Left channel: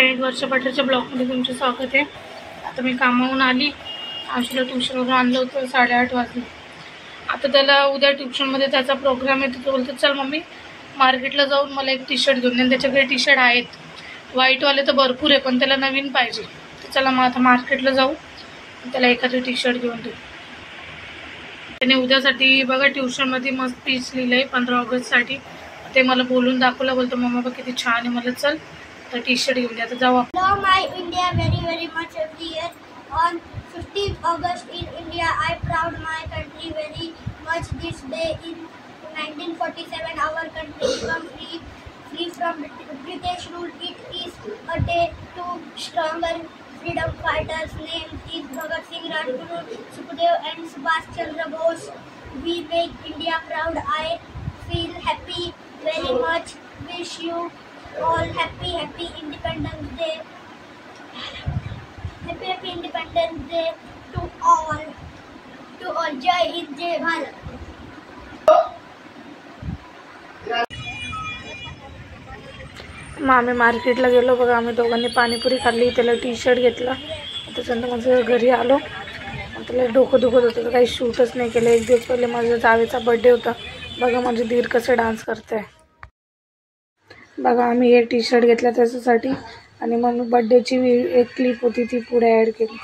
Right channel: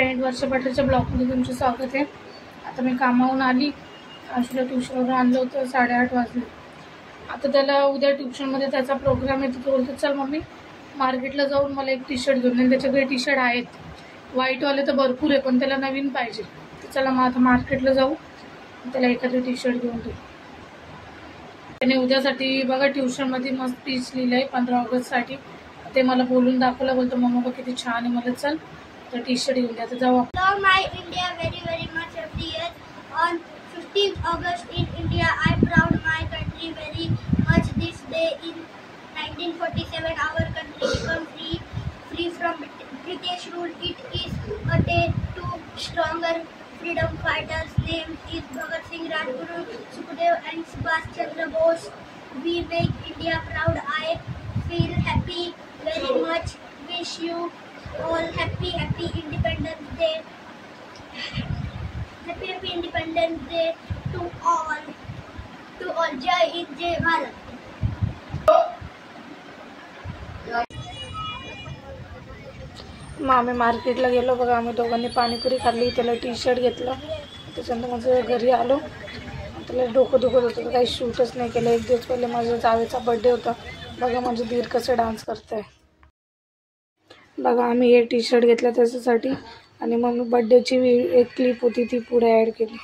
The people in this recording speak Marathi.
वर्ष पठारच्या ब्लॉगमध्ये तुमचे स्वागत आहे। आता मी कामावरून आली, आशूला ट्युशनवरून आणलं होतं, 8:30 वाजले। आता त्याला उद्या ट्युशनमध्ये त्याचा प्रोग्राम आहे, तो बोलतो चल मम्मी मार्केटला जाऊन मला एक टी शर्ट घेऊन दे। त्याच्याकडे टी शर्ट आहेत, व्हाईटवाले तर भरपूर आहे, पण त्याला नवीन पाहिजे। तर चला मग आता मार्केटला जाऊ, त्याला एखादं टी शर्ट घेऊन देऊ। त्याने उद्यासाठी बघा ट्युशनमध्ये मस्त स्पीच लिहिलं आहे 15 ऑगस्टसाठी। ते मला बोलून दाखवलं, बोलतो मम्मा बघ किती छान आहे, मला चल तर टी शर्ट घेऊन द्या। तर जाऊ आपण। Love my India very much every year. On 15th August in India, I proud my country very much. This day in 1947, our country became free from British rule. It is a day to stronger freedom fighters. Names is Bhagat Singh, Rajguru, Sukhdev and Subhash Chandra Bose. We make India proud. I feel happy very much. Wish you all happy Independence Day. Happy Independence Day to all. Jai Hind, Jai Bharat. मग आम्ही मार्केटला गेलो बघा। आम्ही दोघांनी पाणीपुरी खाल्ली, त्याला टी शर्ट घेतला। त्याच्यानंतर माझं घरी आलो, त्याला डोकं दुखत होतं, काही शूटच नाही केलं। एक दिवस पहिले माझ्या जावेचा बर्थडे होता, बघा माझे दीर कसं डान्स करते बघा। आम्ही हे टी शर्ट घेतला त्याच्यासाठी, आणि मग मी बर्थडेची एक क्लिप होती ती पुढे ॲड केली।